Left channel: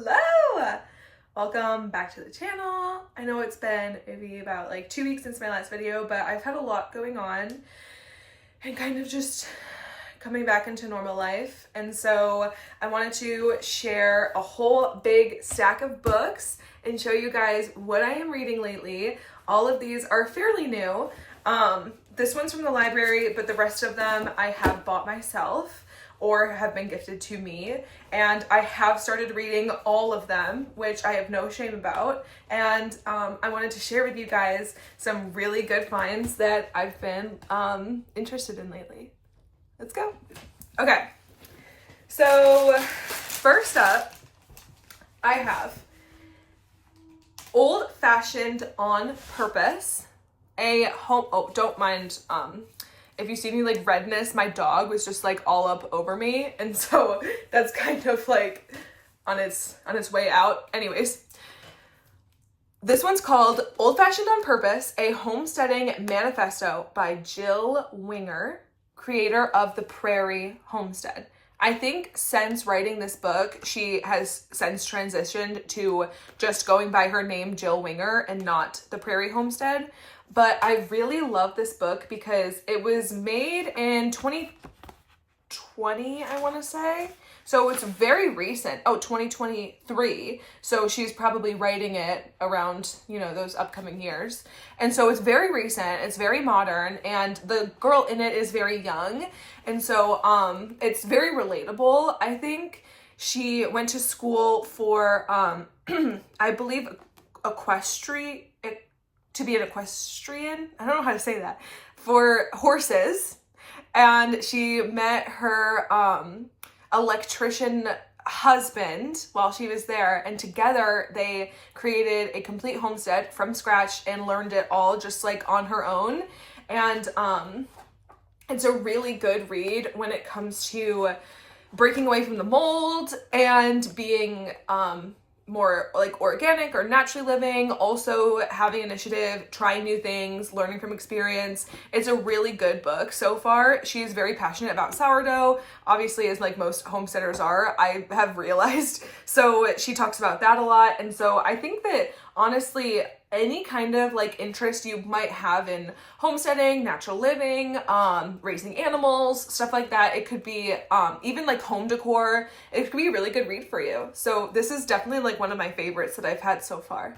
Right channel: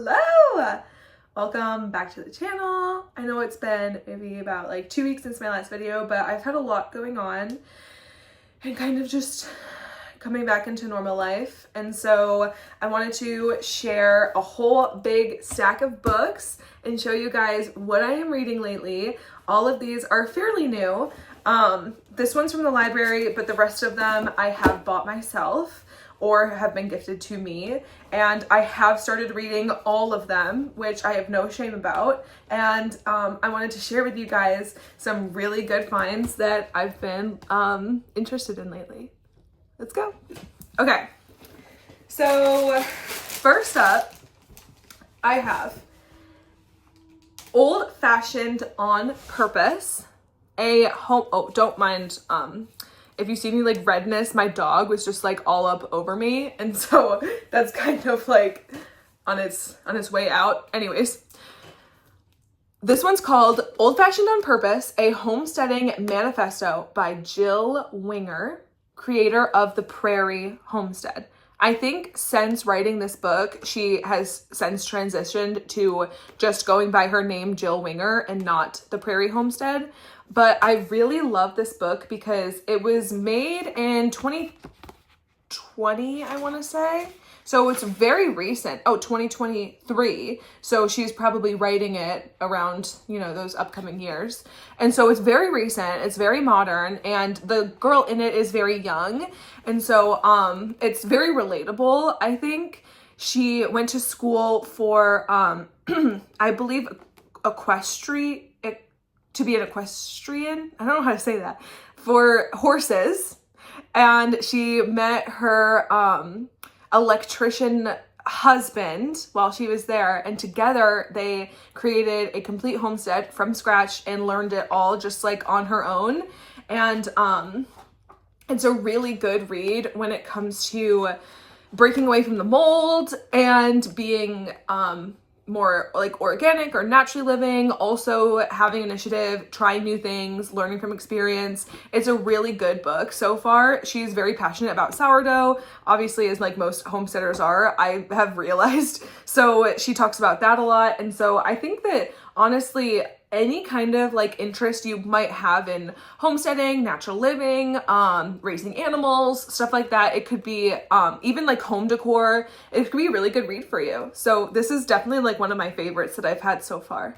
Hello! Welcome back to the channel. I know it's been maybe about like 2 weeks since my last video, but I've had a lot going on and kind of just coming back into normal life. And so I wanted to share a whole big stack of books and show you guys what I am reading lately. All of these are fairly new. This one's from the library, but the rest of them I have bought myself or have been gifted to me, and I have started reading all of them, which I have no shame about. And I wanted to share with you guys some really good finds that I've been interested in lately. Let's go. Okay, so first up, I have Old Fashioned on Purpose, a home, oh, don't mind, if you see any like redness, my dog was just like all up over me. And so that's kind of like on its way out. Anyways, this one's called Old Fashioned on Purpose, a Homesteading Manifesto by Jill Winger, creator of the Prairie Homestead. I think since writing this book, she has since transitioned to just going by her name, Jill Winger, and not the Prairie Homestead. But I really love this book because it was made in 2020, I want to say. So it's very recent. Oh, 2023. So she's probably writing it around, you know, those upcoming years. And so it's very recent, it's very modern, and the girl in it is very young. And so it's very relatable. I think she went to school for, I believe, to be an equestrian, I don't know how to say that, for horses. And she met her electrician husband while she was there, and together they created a complete homestead from scratch and learned it all just like on her own. And it's a really good read when it comes to breaking away from the mold and being more like organic or naturally living, also having initiative, trying new things, learning from experience. It's a really good book so far. She's very passionate about sourdough, obviously, as like most homesteaders are, I have realized. So she talks about that a lot. And so I think that honestly, any kind of like interest you might have in homesteading, natural living, raising animals, stuff like that, it could be even like home decor, it could be a really good read for you. So this is definitely like one of my favorites that I've had so far.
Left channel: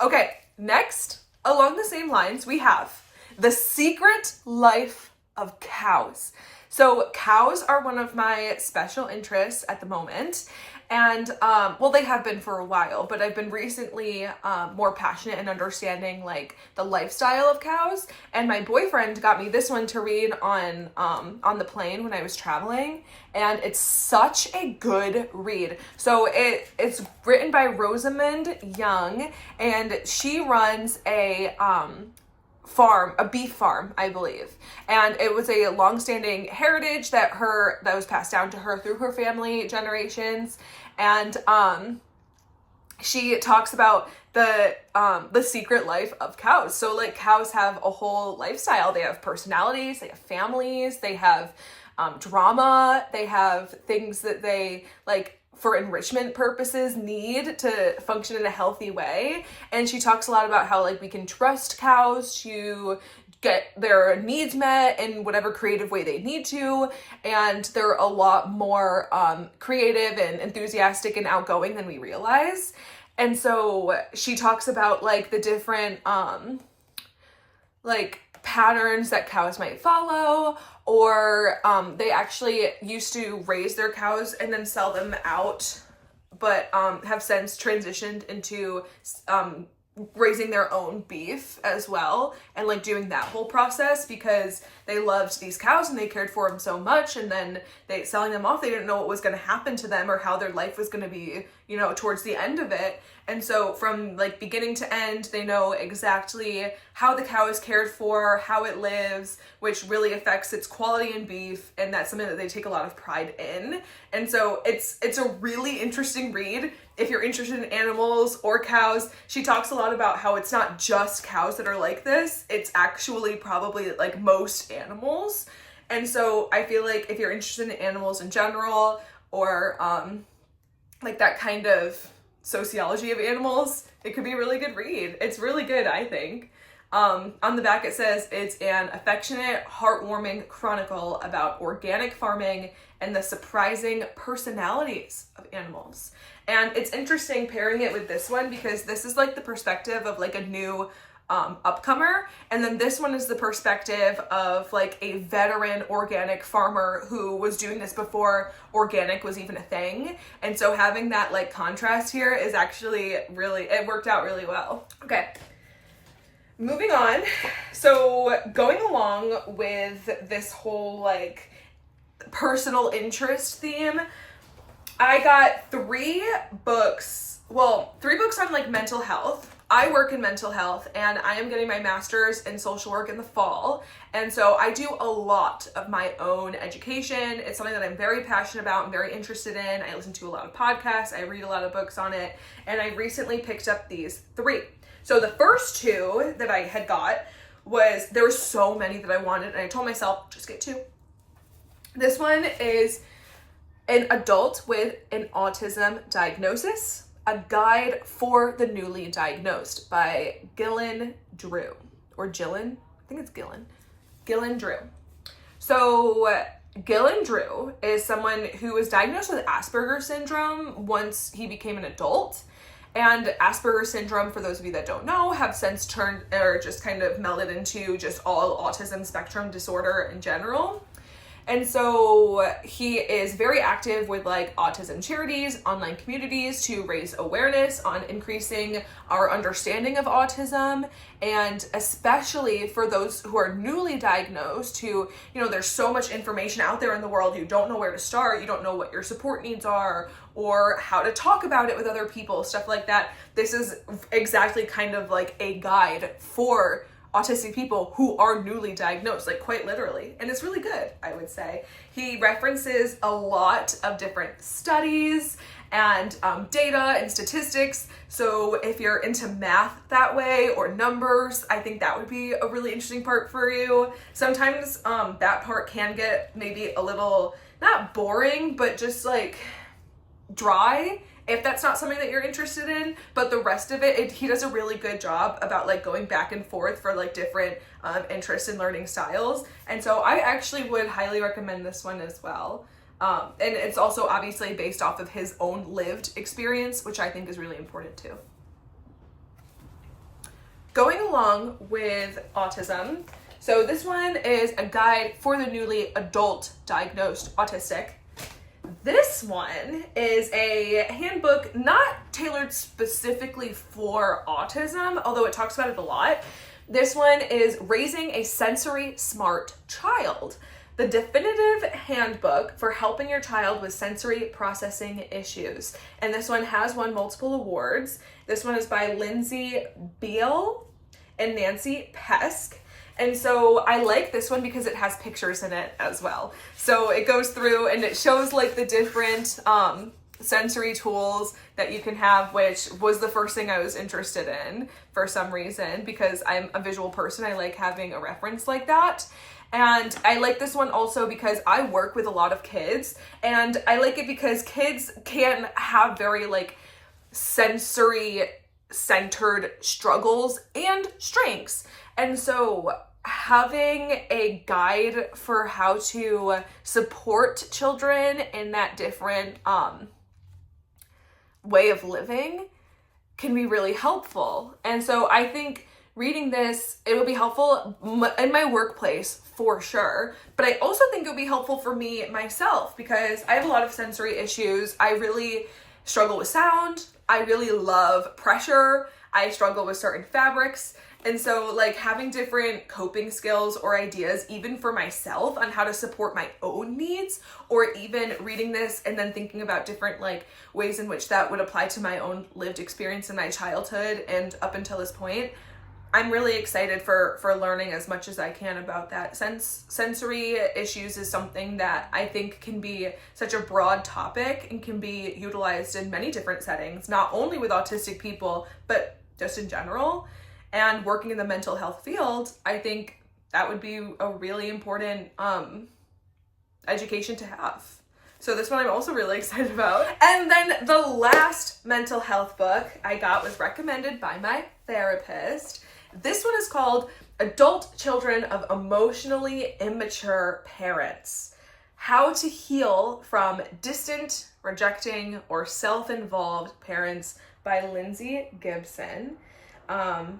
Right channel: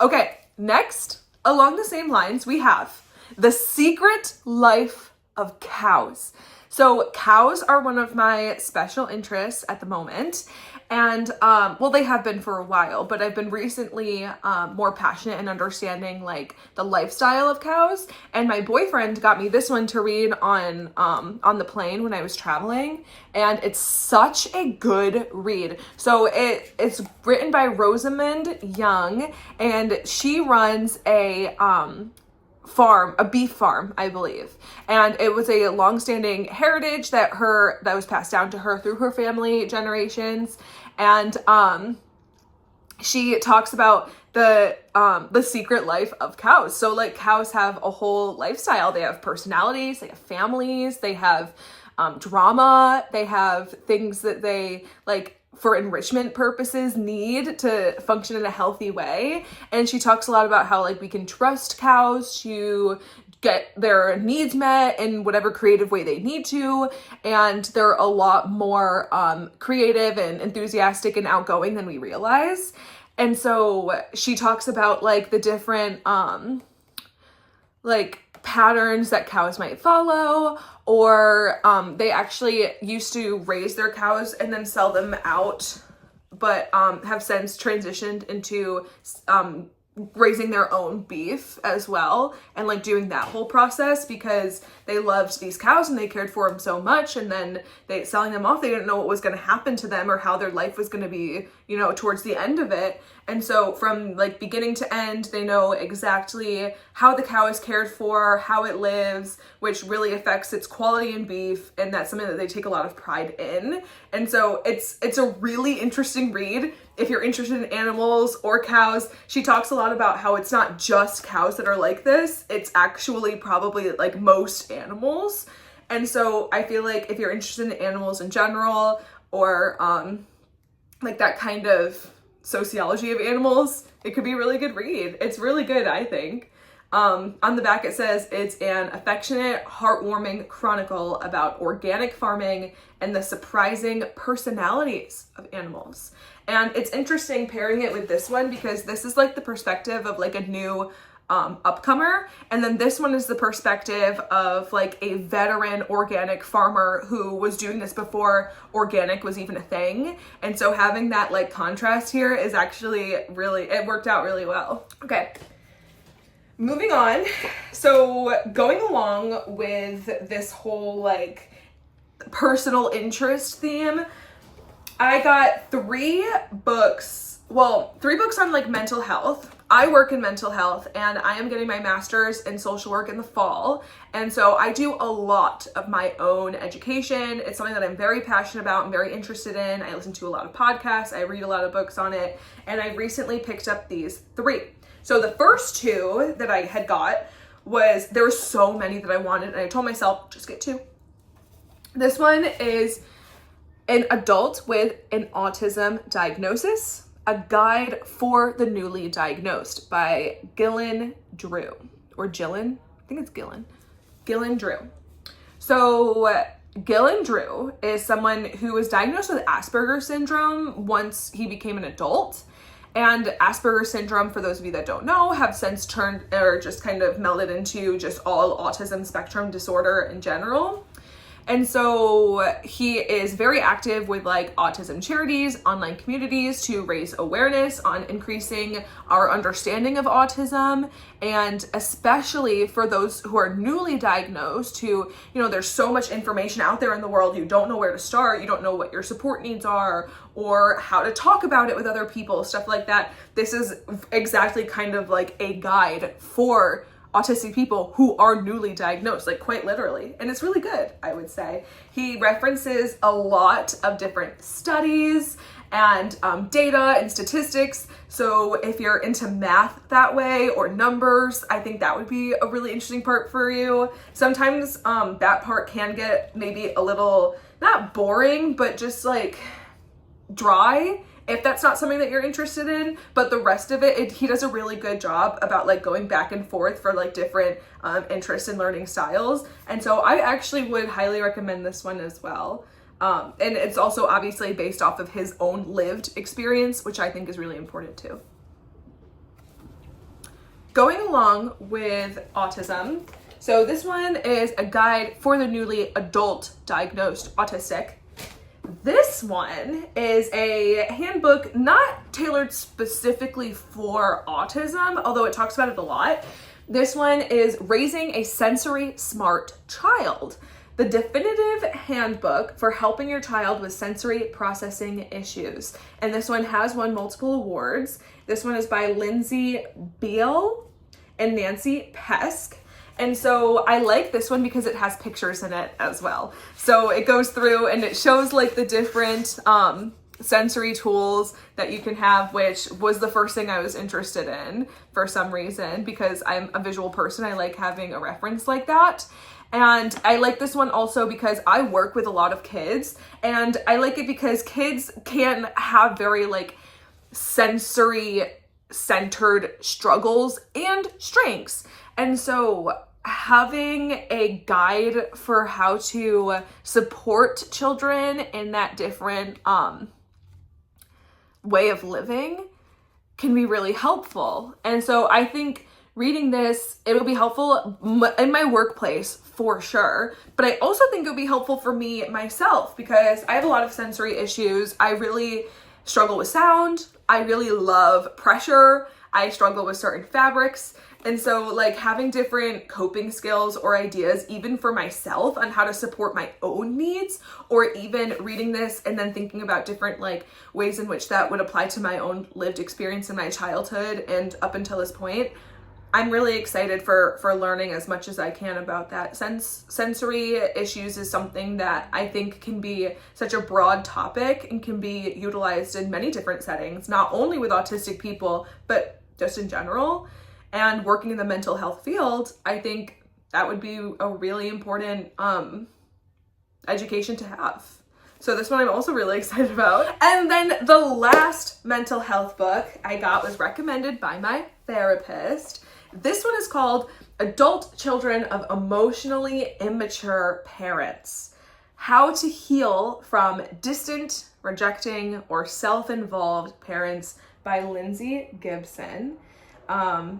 Okay, next, along the same lines, we have The Secret Life of Cows. So cows are one of my special interests at the moment. And, well, they have been for a while, but I've been recently more passionate in understanding like the lifestyle of cows. And my boyfriend got me this one to read on the plane when I was traveling. And it's such a good read. So it's written by Rosamund Young, and she runs a beef farm, I believe. And it was a long-standing heritage that was passed down to her through her family generations. And she talks about the secret life of cows. So like cows have a whole lifestyle. They have personalities, they have families, they have drama, they have things that they like for enrichment purposes need to function in a healthy way. And she talks a lot about how like we can trust cows to get their needs met in whatever creative way they need to, and they're a lot more creative and enthusiastic and outgoing than we realize. And so she talks about like the different like patterns that cows might follow, or they actually used to raise their cows and then sell them out, but have since transitioned into raising their own beef as well, and like doing that whole process because they loved these cows and they cared for them so much, and then selling them off, they didn't know what was going to happen to them or how their life was going to be, you know, towards the end of it. And so from like beginning to end, they know exactly how the cow is cared for, how it lives, which really affects its quality in beef, and that's something that they take a lot of pride in. And so it's a really interesting read if you're interested in animals or cows. She talks a lot about how it's not just cows that are like this, it's actually probably like most animals. And so I feel like if you're interested in animals in general, or like that kind of sociology of animals, it could be a really good read. It's really good, I think. On the back it says it's an affectionate, heartwarming chronicle about organic farming and the surprising personalities of animals. And it's interesting pairing it with this one because this is like the perspective of like a new upcomer, and then this one is the perspective of like a veteran organic farmer who was doing this before organic was even a thing. And so having that like contrast here is actually really, it worked out really well. Okay, moving on. So going along with this whole like personal interest theme, I got 3 books on like mental health. I work in mental health and I am getting my master's in social work in the fall. And so I do a lot of my own education. It's something that I'm very passionate about and very interested in. I listen to a lot of podcasts. I read a lot of books on it. And I recently picked up these 3. So the first 2 that I had got there were so many that I wanted. And I told myself, just get 2. This one is An Adult with an Autism Diagnosis, a Guide for the Newly Diagnosed by Gillian Drew, or Gillian, I think it's Gillian Drew. So Gillian Drew is someone who was diagnosed with Asperger's syndrome once he became an adult. And Asperger's syndrome, for those of you that don't know, have since turned or just kind of melded into just all autism spectrum disorder in general. And so he is very active with like autism charities, online communities to raise awareness on increasing our understanding of autism. And especially for those who are newly diagnosed who, there's so much information out there in the world. You don't know where to start. You don't know what your support needs are or how to talk about it with other people, stuff like that. This is exactly kind of like a guide for autistic people who are newly diagnosed, like quite literally. And it's really good, I would say. He references a lot of different studies and data and statistics. So if you're into math that way or numbers, I think that would be a really interesting part for you. Sometimes that part can get maybe a little, not boring, but just like dry, if that's not something that you're interested in. But the rest of it, he does a really good job about like going back and forth for like different interests and learning styles. And so I actually would highly recommend this one as well. And it's also obviously based off of his own lived experience, which I think is really important too. Going along with autism, so this one is a guide for the newly adult diagnosed autistic. This one is a handbook not tailored specifically for autism, although it talks about it a lot. This one is Raising a Sensory Smart Child, the definitive handbook for helping your child with sensory processing issues. And this one has won multiple awards. This one is by Lindsay Beale and Nancy Pesk. And so I like this one because it has pictures in it as well. So it goes through and it shows like the different sensory tools that you can have, which was the first thing I was interested in for some reason, because I'm a visual person. I like having a reference like that. And I like this one also because I work with a lot of kids, and I like it because kids can have very like sensory centered struggles and strengths. And so having a guide for how to support children in that different way of living can be really helpful. And so I think reading this, it will be helpful in my workplace for sure. But I also think it would be helpful for me myself because I have a lot of sensory issues. I really struggle with sound. I really love pressure. I struggle with certain fabrics. And so like having different coping skills or ideas, even for myself on how to support my own needs, or even reading this and then thinking about different like ways in which that would apply to my own lived experience in my childhood and up until this point, I'm really excited for learning as much as I can about that. Sensory issues is something that I think can be such a broad topic and can be utilized in many different settings, not only with autistic people, but just in general. And working in the mental health field, I think that would be a really important education to have. So this one I'm also really excited about. And then the last mental health book I got was recommended by my therapist. This one is called Adult Children of Emotionally Immature Parents: How to Heal from Distant, Rejecting, or Self-Involved Parents by Lindsay Gibson.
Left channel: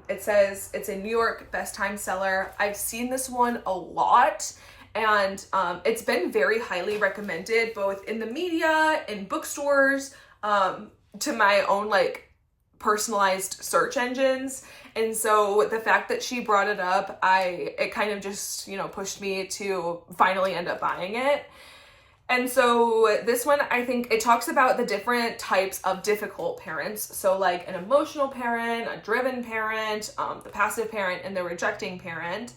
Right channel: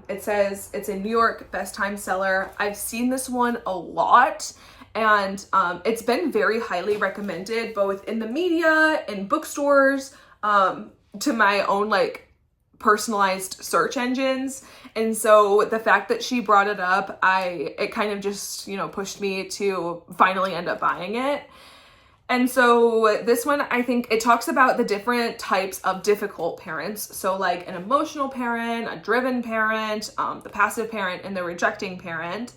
It says it's a New York Best Time seller. I've seen this one a lot, and it's been very highly recommended both in the media, in bookstores, to my own like personalized search engines. And so the fact that she brought it up, it kind of just, you know, pushed me to finally end up buying it. And so this one, I think it talks about the different types of difficult parents. So like an emotional parent, a driven parent, the passive parent, and the rejecting parent,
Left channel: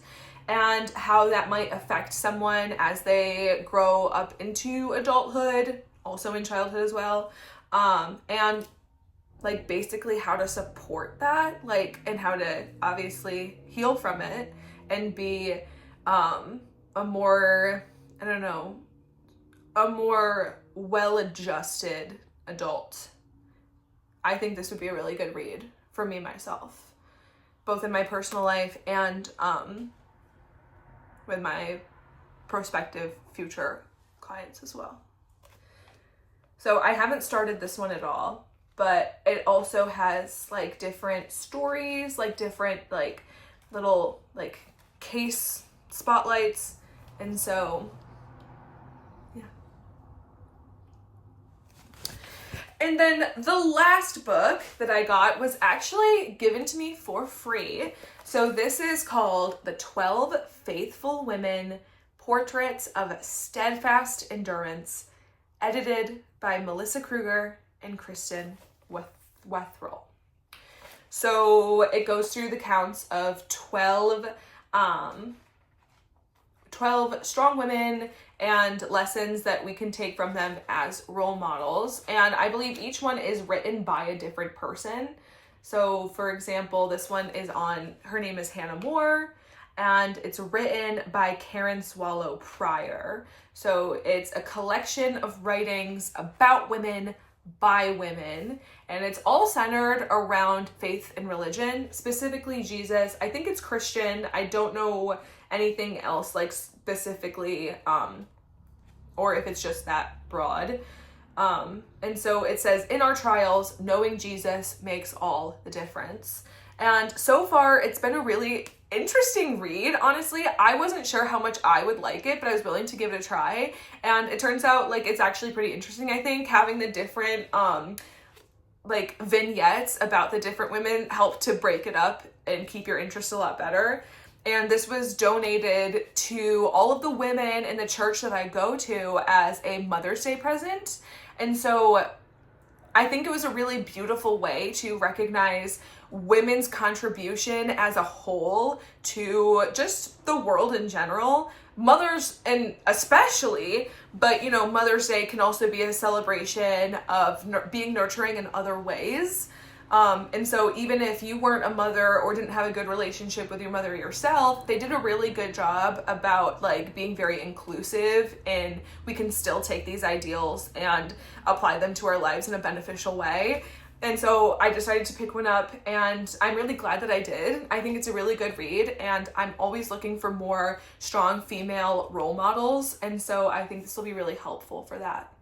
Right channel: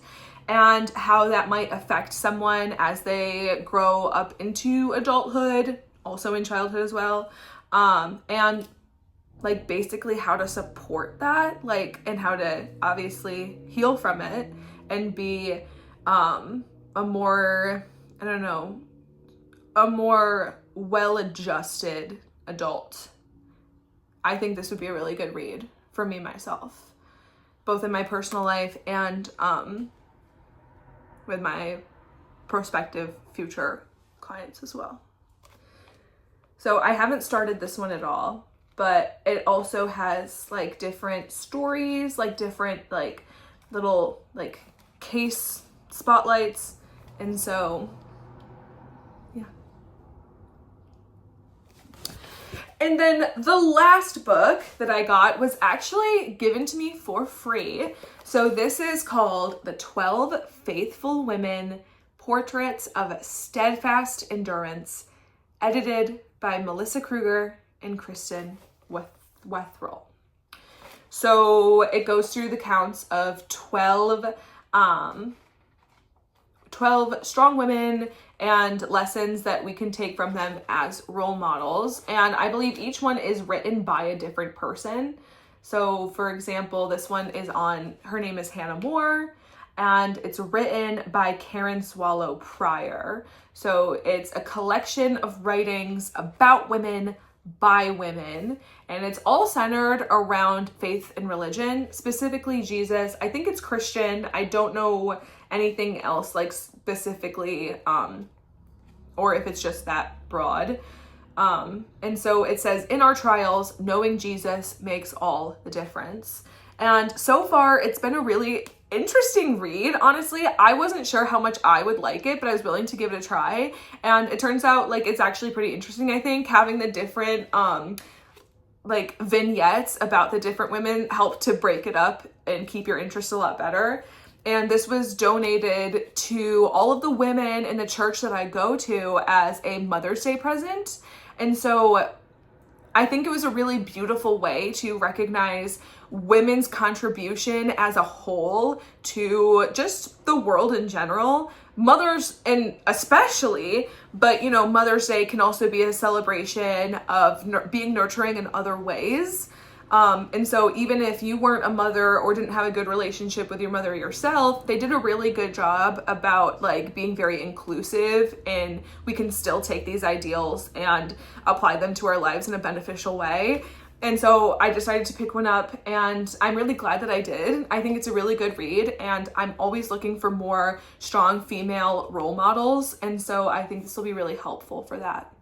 and how that might affect someone as they grow up into adulthood, also in childhood as well. And like basically how to support that, like, and how to obviously heal from it and be a more, I don't know, a more well-adjusted adult. I think this would be a really good read for me myself, both in my personal life and with my prospective future clients as well. So I haven't started this one at all, but it also has like different stories, like different like little like case spotlights. And so, yeah. And then the last book that I got was actually given to me for free. So this is called The 12 Faithful Women: Portraits of Steadfast Endurance, edited by Melissa Kruger and Kristen Wetherell. So it goes through the counts of 12 strong women and lessons that we can take from them as role models. And I believe each one is written by a different person. So for example, this one is her name is Hannah Moore, and it's written by Karen Swallow Prior. So it's a collection of writings about women by women, and it's all centered around faith and religion, specifically Jesus. I think it's Christian. I don't know anything else like specifically, or if it's just that broad. And so it says, in our trials, knowing Jesus makes all the difference. And so far it's been a really interesting read. Honestly, I wasn't sure how much I would like it, but I was willing to give it a try. And it turns out like it's actually pretty interesting. I think having the different like vignettes about the different women help to break it up and keep your interest a lot better. And this was donated to all of the women in the church that I go to as a Mother's Day present. And so I think it was a really beautiful way to recognize women's contribution as a whole to just the world in general. Mothers, and especially, but you know, Mother's Day can also be a celebration of being nurturing in other ways. And so even if you weren't a mother or didn't have a good relationship with your mother yourself, they did a really good job about like being very inclusive, and we can still take these ideals and apply them to our lives in a beneficial way. And so I decided to pick one up, and I'm really glad that I did. I think it's a really good read, and I'm always looking for more strong female role models. And so I think this will be really helpful for that.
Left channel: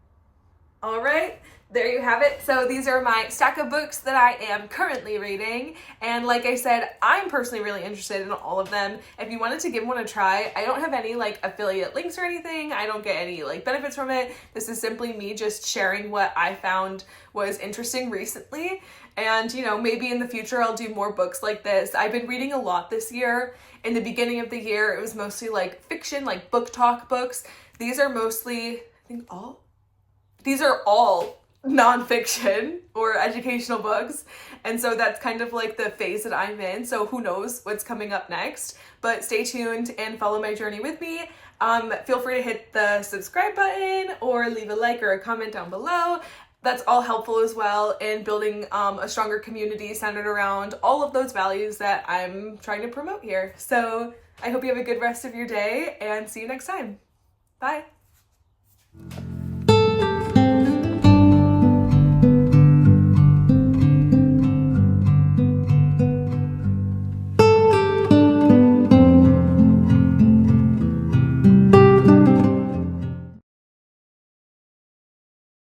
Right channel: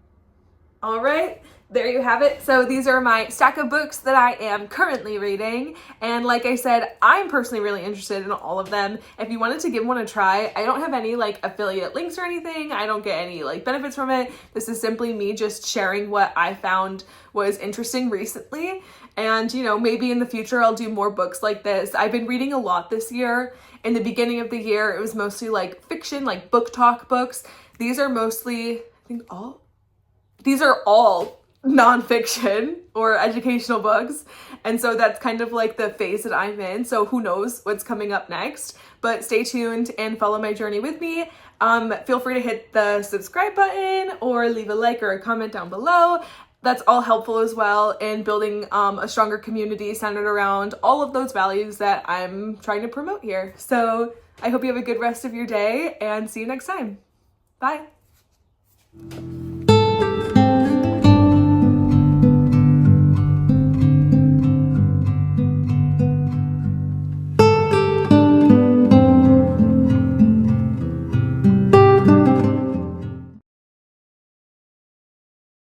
All right, there you have it. So these are my stack of books that I am currently reading. And like I said, I'm personally really interested in all of them. If you wanted to give one a try, I don't have any like affiliate links or anything. I don't get any like benefits from it. This is simply me just sharing what I found was interesting recently. And you know, maybe in the future I'll do more books like this. I've been reading a lot this year. In the beginning of the year, it was mostly like fiction, like book talk books. These are mostly, I think these are all nonfiction or educational books. And so that's kind of like the phase that I'm in. So who knows what's coming up next, but stay tuned and follow my journey with me. Feel free to hit the subscribe button or leave a like or a comment down below. That's all helpful as well in building a stronger community centered around all of those values that I'm trying to promote here. So I hope you have a good rest of your day, and see you next time. Bye.